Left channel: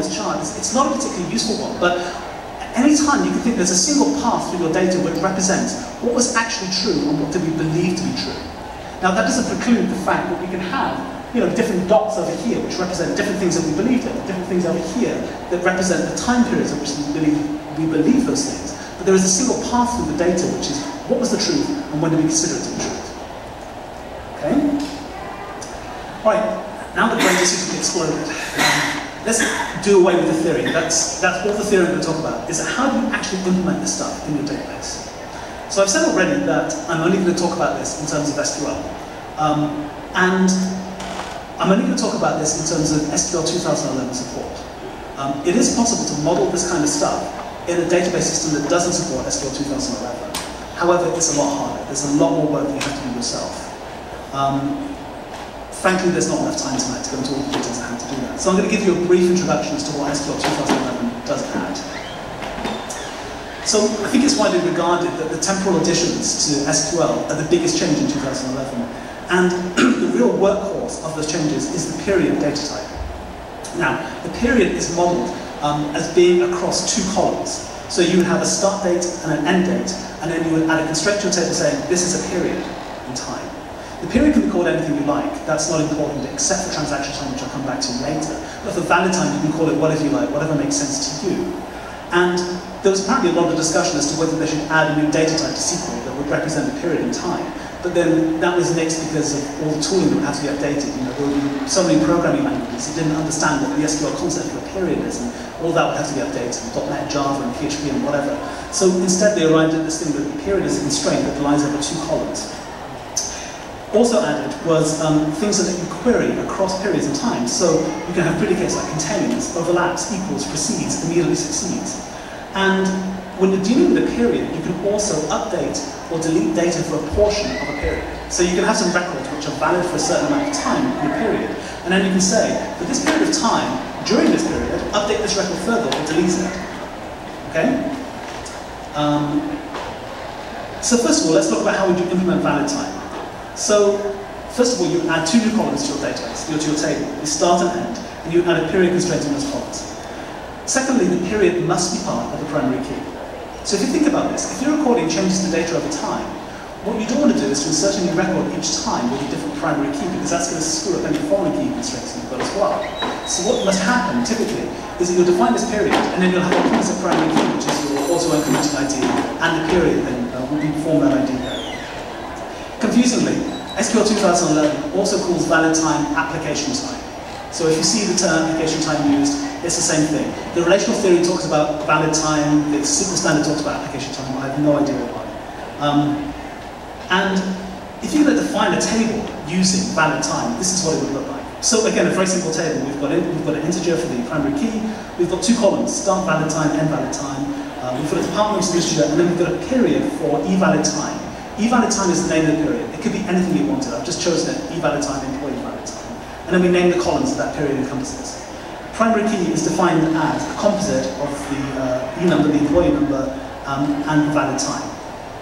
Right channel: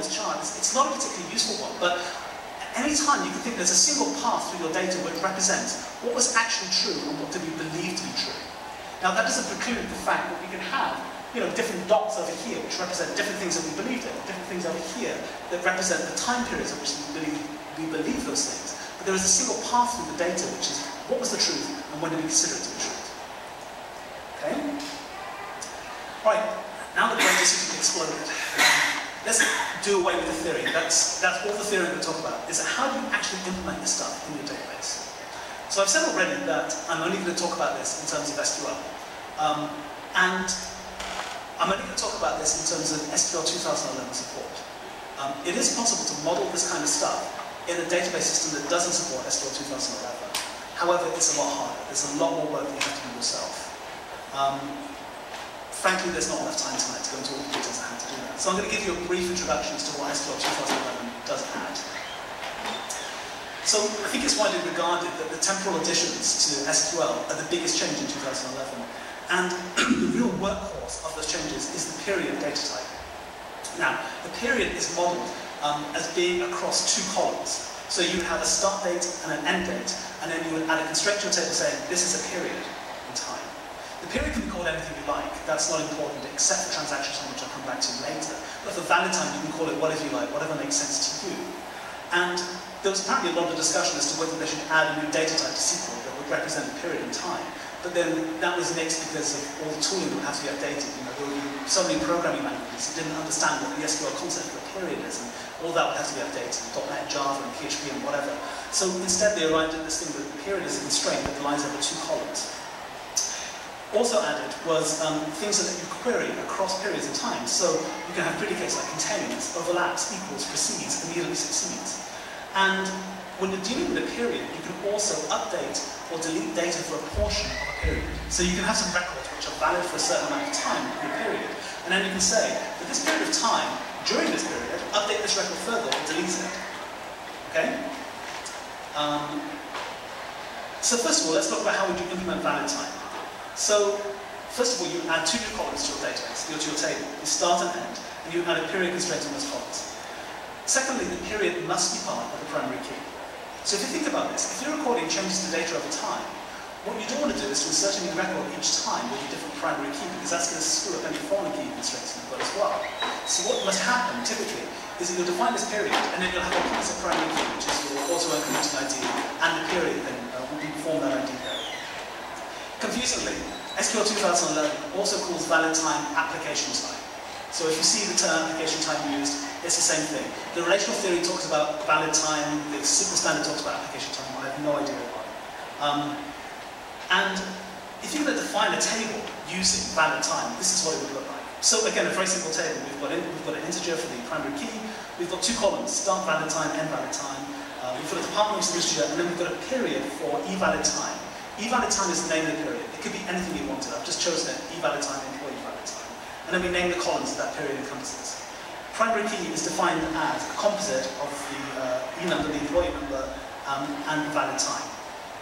this chart, it's not a particularly useful one, but any time you can think there's a single path through your data which represents what was actually true and what did we believe to be true. Now that doesn't preclude the fact that we can have different dots over here which represent different things that we believed in, different things over here that represent the time periods in which we believe those things. But there is a single path through the data which is what was the truth and when do we consider it to be truth. Okay? Right, now the brain just seems to be exploded. Let's do away with the theory. That's all the theory I'm going to talk about, is how do you actually implement this stuff in your database. So I've said already that I'm only going to talk about this in terms of SQL. And I'm only going to talk about this in terms of SQL 2011 support. It is possible to model this kind of stuff in a database system that doesn't support SQL 2011. However, it's a lot harder. There's a lot more work that you have to do yourself. Frankly, there's not enough time tonight to go into all the details of how to do that. So I'm going to give you a brief introduction as to what SQL 2011 does add. So I think it's widely regarded that the temporal additions to SQL are the biggest change in 2011. And the real workhorse of those changes is the period data type. Now, the period is modeled as being across two columns. So you would have a start date and an end date, and then you would add a constraint to your table saying this is a period in time. The period can be called anything you like. That's not important except for transaction time, which I'll come back to later. But for valid time, you can call it whatever you like, whatever makes sense to you. And there was apparently a lot of discussion as to whether they should add a new data type to SQL that would represent a period in time. But then that was nixed because of all the tooling that would have to be updated. There would be so many programming languages that didn't understand what the SQL concept for a period is, and all that would have to be updated, .NET, Java, and PHP, and whatever. So instead they arrived at this thing that the period is a constraint that lies over two columns. Also added was things that you query across periods in time. So you can have predicates like contains, overlaps, equals, precedes, immediately succeeds. And when you're dealing with a period, you can also update or delete data for a portion of a period. So you can have some records which are valid for a certain amount of time in a period. And then you can say, for this period of time, during this period, update this record further or delete it. Okay? So first of all, let's talk about how would you implement valid time. So, first of all, you add two new columns to your database, to your table. You start and end, and you add a period constraint on those columns. Secondly, the period must be part of the primary key. So if you think about this, if you're recording changes to data over time, what you don't want to do is to insert a new record each time with a different primary key, because that's going to screw up any foreign key constraints you've got as well. So what must happen, typically, is that you'll define this period, and then you'll have a composite primary key, which is your auto-incremented ID, and the period then will be form that ID there. Confusingly, SQL 2011 also calls valid time application time. So if you see the term application time used, it's the same thing. The relational theory talks about valid time, the SQL standard talks about application time, I have no idea why. And if you're going to define a table using valid time, this is what it would look like. So again, a very simple table. We've got an integer for the primary key, we've got two columns, start valid time, end valid time, we've got a department integer, and then we've got a period for eValid time. eValid time is the name of the period. It could be anything you wanted. I've just chosen it, eValid time, employee valid time. And then we name the columns that period encompasses. Primary key is defined as a composite of the E number, the employee number, and the valid time.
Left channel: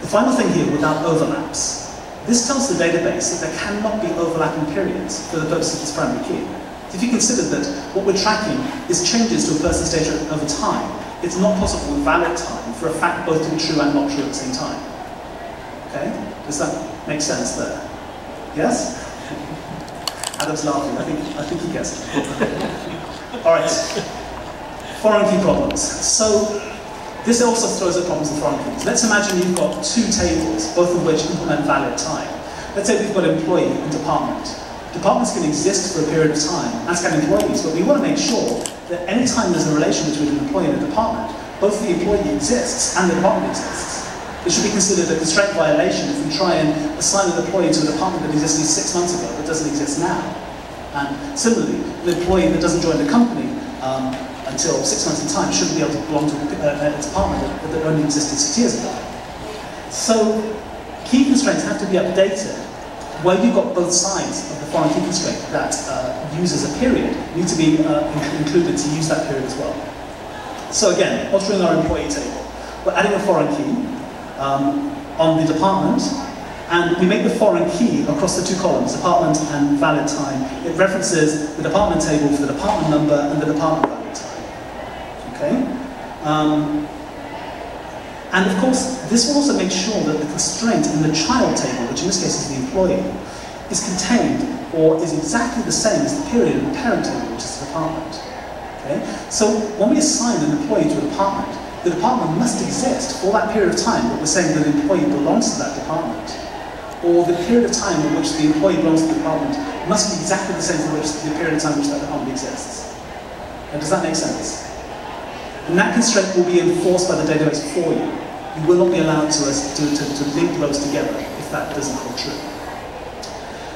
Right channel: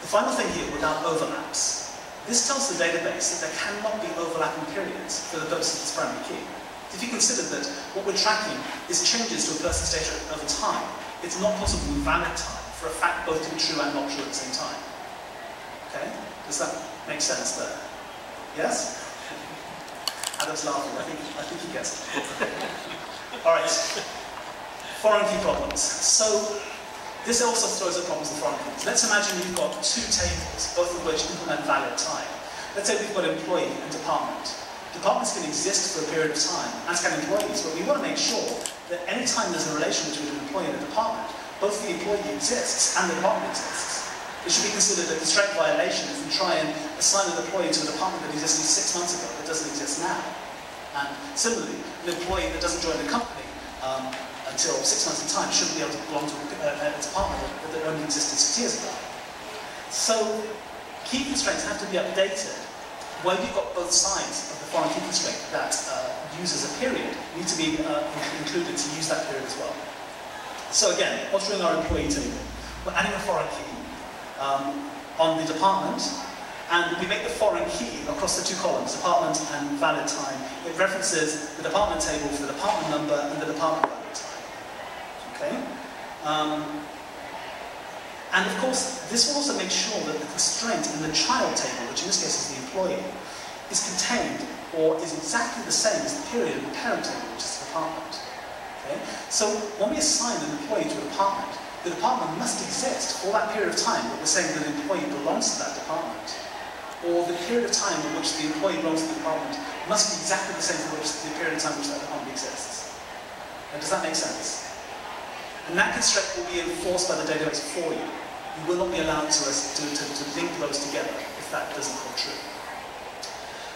The final thing here, without overlaps. This tells the database that there cannot be overlapping periods for the purpose of this primary key. If you consider that what we're tracking is changes to a person's data over time, it's not possible with valid time for a fact both to be true and not true at the same time. Okay? Does that make sense there? Yes? Adam's laughing. I think he gets it. All right. Foreign key problems. So this also throws up problems with foreign keys. Let's imagine you've got two tables, both of which implement valid time. Let's say we've got employee and department. Departments can exist for a period of time, as can employees, but we want to make sure that any time there's a relation between an employee and a department, both the employee exists and the department exists. It should be considered a constraint violation if we try and assign an employee to a department that existed 6 months ago that doesn't exist now. And similarly, an employee that doesn't join the company until 6 months in time shouldn't be able to belong to a department that only existed 6 years ago. So key constraints have to be updated where you've got both sides of the foreign key constraint that uses a period need to be included to use that period as well. So again, altering our employee table. We're adding a foreign key on the department, and we make the foreign key across the two columns, department and valid time. It references the department table for the department number and the department valid time. Okay? And of course, this will also make sure that the constraint in the child table, which in this case is the employee, is contained or is exactly the same as the period in the parent table, which is the department. Okay? So when we assign an employee to a department, the department must exist for that period of time that we're saying that the employee belongs to that department. Or the period of time in which the employee belongs to the department must be exactly the same as the period of time in which that department exists. Now, does that make sense? And that constraint will be enforced by the database for you. You will not be allowed to link those together if that doesn't hold true.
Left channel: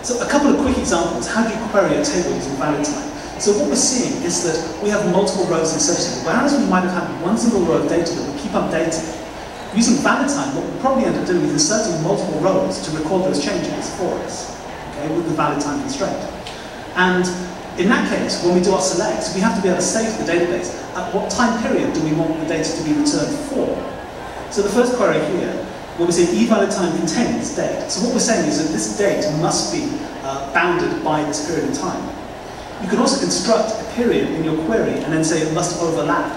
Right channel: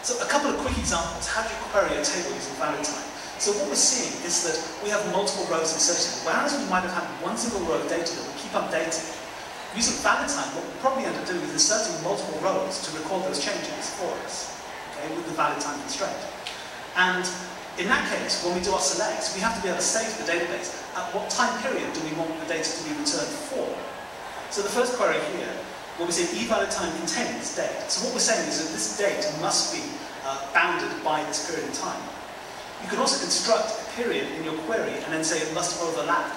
So a couple of quick examples. How do you query a table using valid time? So what we're seeing is that we have multiple rows inserted. Whereas we might have had one single row of data that we keep updating, using valid time, what we'll probably end up doing is inserting multiple rows to record those changes for us, okay, with the valid time constraint. And in that case, when we do our selects, we have to be able to say to the database, at what time period do we want the data to be returned for? So the first query here, where we say eValidTime contains date. So what we're saying is that this date must be bounded by this period in time. You can also construct a period in your query and then say it must overlap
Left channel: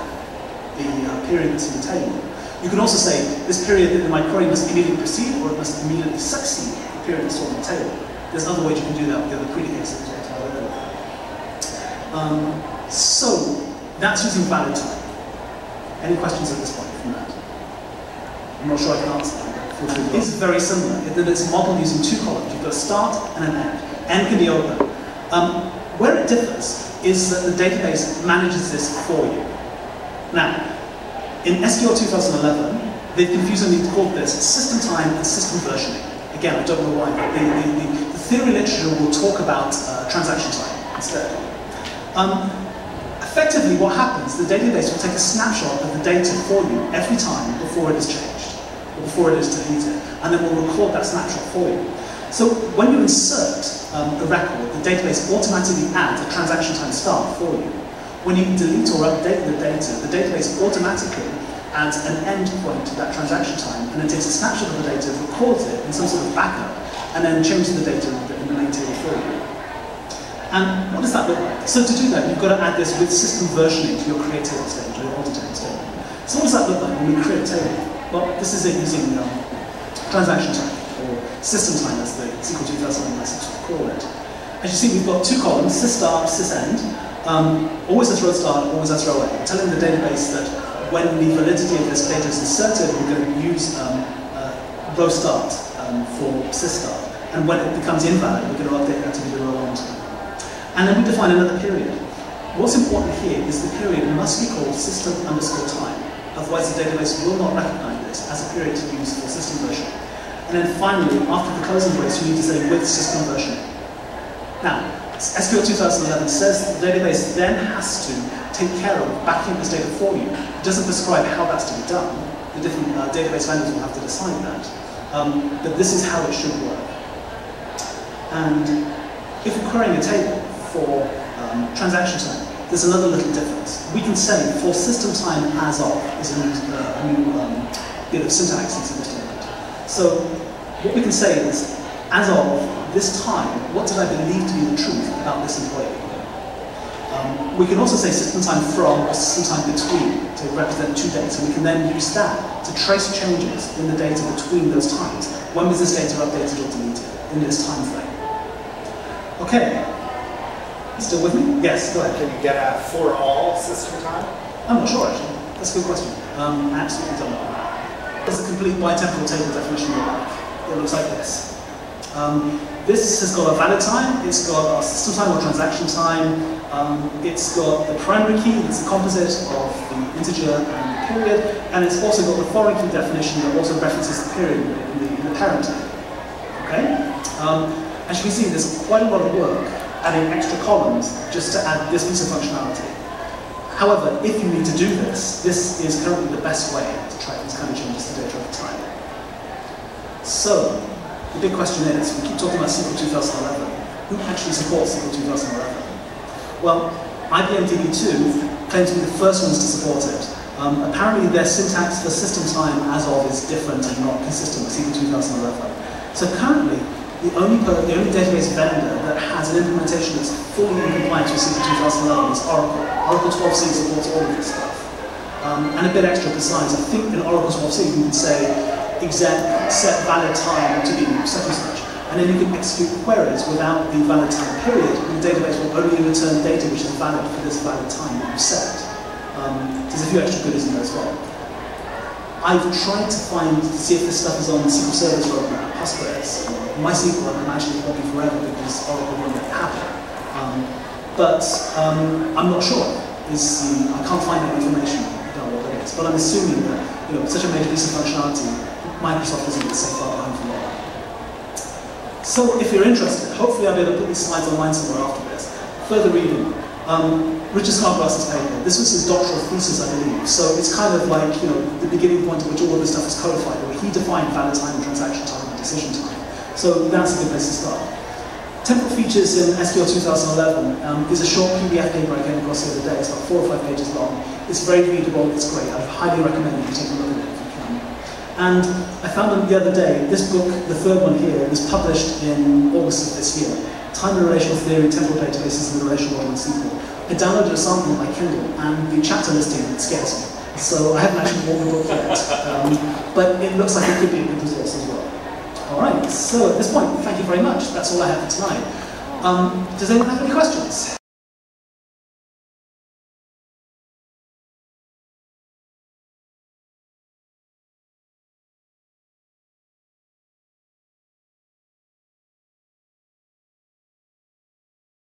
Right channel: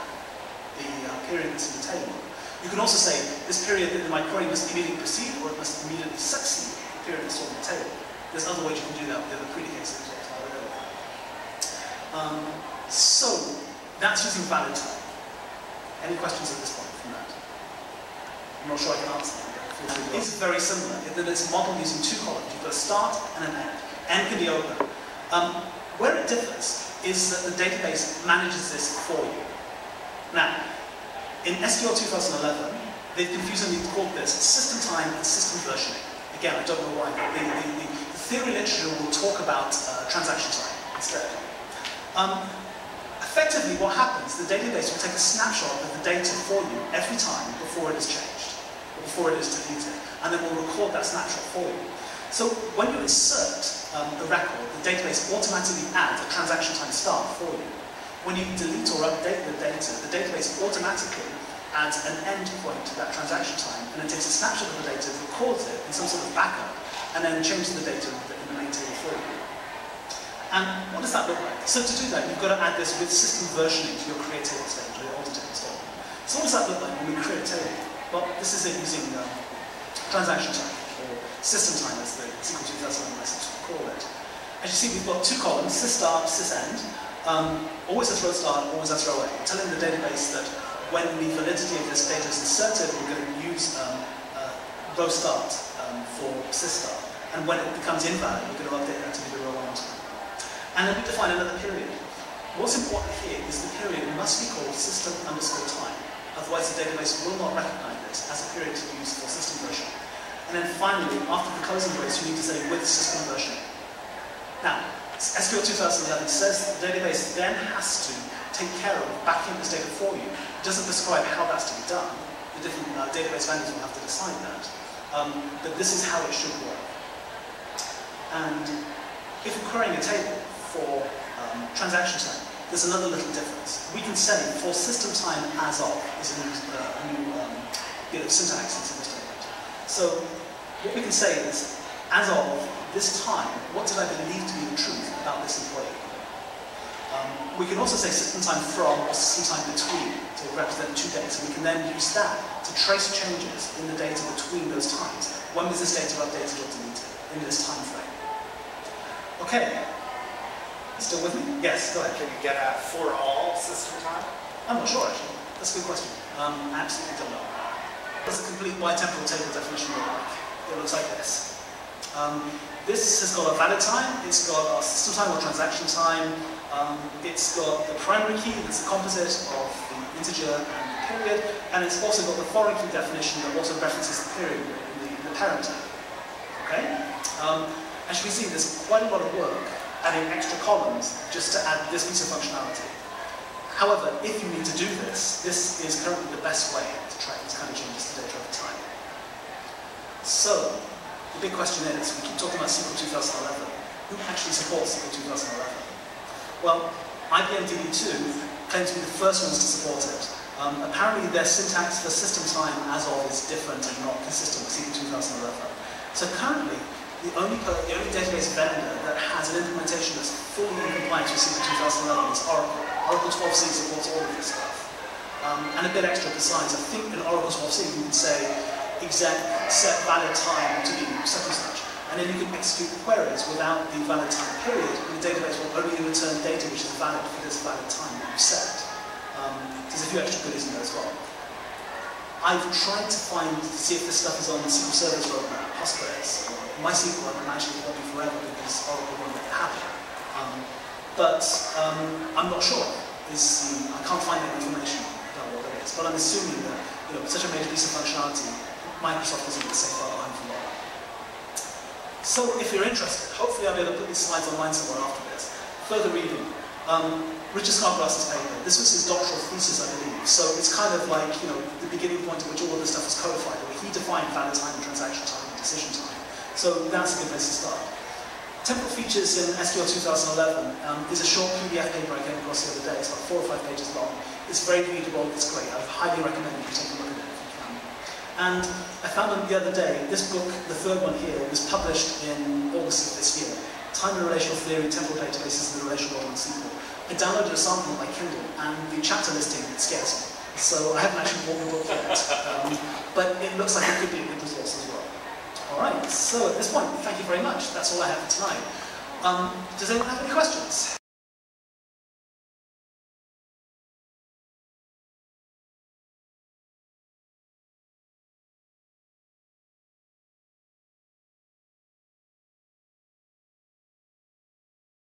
the period that's in the table. You can also say this period in my query must immediately precede or it must immediately succeed the period that's stored in the table. There's other ways you can do that with the other predicates that we talked about earlier. So that's using valid time. Any questions at this point from that? I'm not sure I can answer that. It's very similar. It's modeled using two columns. You've got a start and an end. End can be open. Where it differs is that the database manages this for you. Now, in SQL 2011, they've confusingly called this system time and system versioning. Again, I don't know why. The theory literature will talk about transaction time instead. Effectively, what happens, the database will take a snapshot of the data for you every time before it is changed, or before it is deleted, and then we'll record that snapshot for you. So when you insert a record, the database automatically adds a transaction time start for you. When you delete or update the data, the database automatically adds an end point to that transaction time, and then takes a snapshot of the data, records it in some sort of backup, and then changes the data in the main table for you. And what does that look like? So to do that, you've got to add this with system versioning to your create table statement, or your alter table statement. So what does that look like when we create a table? Well, this is it using transaction time, or system time as the SQL 2011 license will call it. As you see, we've got two columns, sysstart, sysend. Always has row start, always has row end. Telling the database that when the validity of this data is inserted, we're going to use row start for sysstart. And when it becomes invalid, we're going to update that to be the row end. And then we define another period. What's important here is the period must be called system_time. Otherwise, the database will not recognize this as a period to use for system version. And then finally, after the closing brace, you need to say with system version. Now, SQL 2011 says the database then has to take care of backing up this data for you. It doesn't describe how that's to be done. The different database vendors will have to decide that. But this is how it should work. And if we're querying a table for transaction time, there's another little difference. We can say for system time as of is a new bit of syntax into this document. So what we can say is, as of this time, what did I believe to be the truth about this employee? We can also say system time from or system time between to represent two dates, and we can then use that to trace changes in the data between those times. When was this data updated or deleted in this time frame? Okay. Still with me? Yes, go ahead. Can you get at for all system time? I'm not sure, actually. That's a good question. I absolutely don't know. Does a complete bitemporal table definition look like? It looks like this. This has got a valid time, it's got a system time or transaction time, it's got the primary key, that's the composite of the integer and the period, and it's also got the foreign key definition that also references the period in the parent table. Okay? As you can see, there's quite a lot of work adding extra columns just to add this piece of functionality. However, if you need to do this, this is currently the best way to track these kind of changes to data over time. So, the big question is, we keep talking about SQL 2011. Who actually supports SQL 2011? Well, IBM DB2 claims to be the first ones to support it. Apparently their syntax for system time as of is different and not consistent with SQL 2011. So currently, the only database vendor that has an implementation that's fully in compliance with SQL 2011 is Oracle. Oracle 12c supports all of this stuff. and a bit extra precise. I think in Oracle's WAF6 you could say exec set valid time to be such and such, and then you can execute queries without the valid time period, and the database will only return data which is valid for this valid time that you've set. There's a few extra goodies in there as well. I've tried to see if this stuff is on SQL Server's roadmap, Postgres, MySQL, and I'm actually will be forever because Oracle won't let it happen. I'm not sure. I can't find any information about what that is, but I'm assuming that such a major piece of functionality, Microsoft isn't the safe far behind for long. So if you're interested, hopefully I'll be able to put these slides online somewhere after this. Further reading. Richard Snodgrass's paper. This was his doctoral thesis, I believe. So it's kind of like the beginning point at which all of this stuff was codified, where he defined valid time, transaction time, and decision time. So that's a good place to start. Temporal features in SQL 2011 is a short PDF paper I came across the other day. It's about 4 or 5 pages long. It's very readable. It's great. I highly recommend you take a look at it if you can. And I found the other day, this book, the third one here, was published in August of this year. Time and Relational Theory, Temporal Databases, and the Relational Model in SQL. I downloaded a sample on my Kindle, and the chapter listing scares me. So I haven't actually bought the book yet, but it looks like it could be a good resource as well. All right, so at this point, thank you very much. That's all I have for tonight. Does anyone have any questions?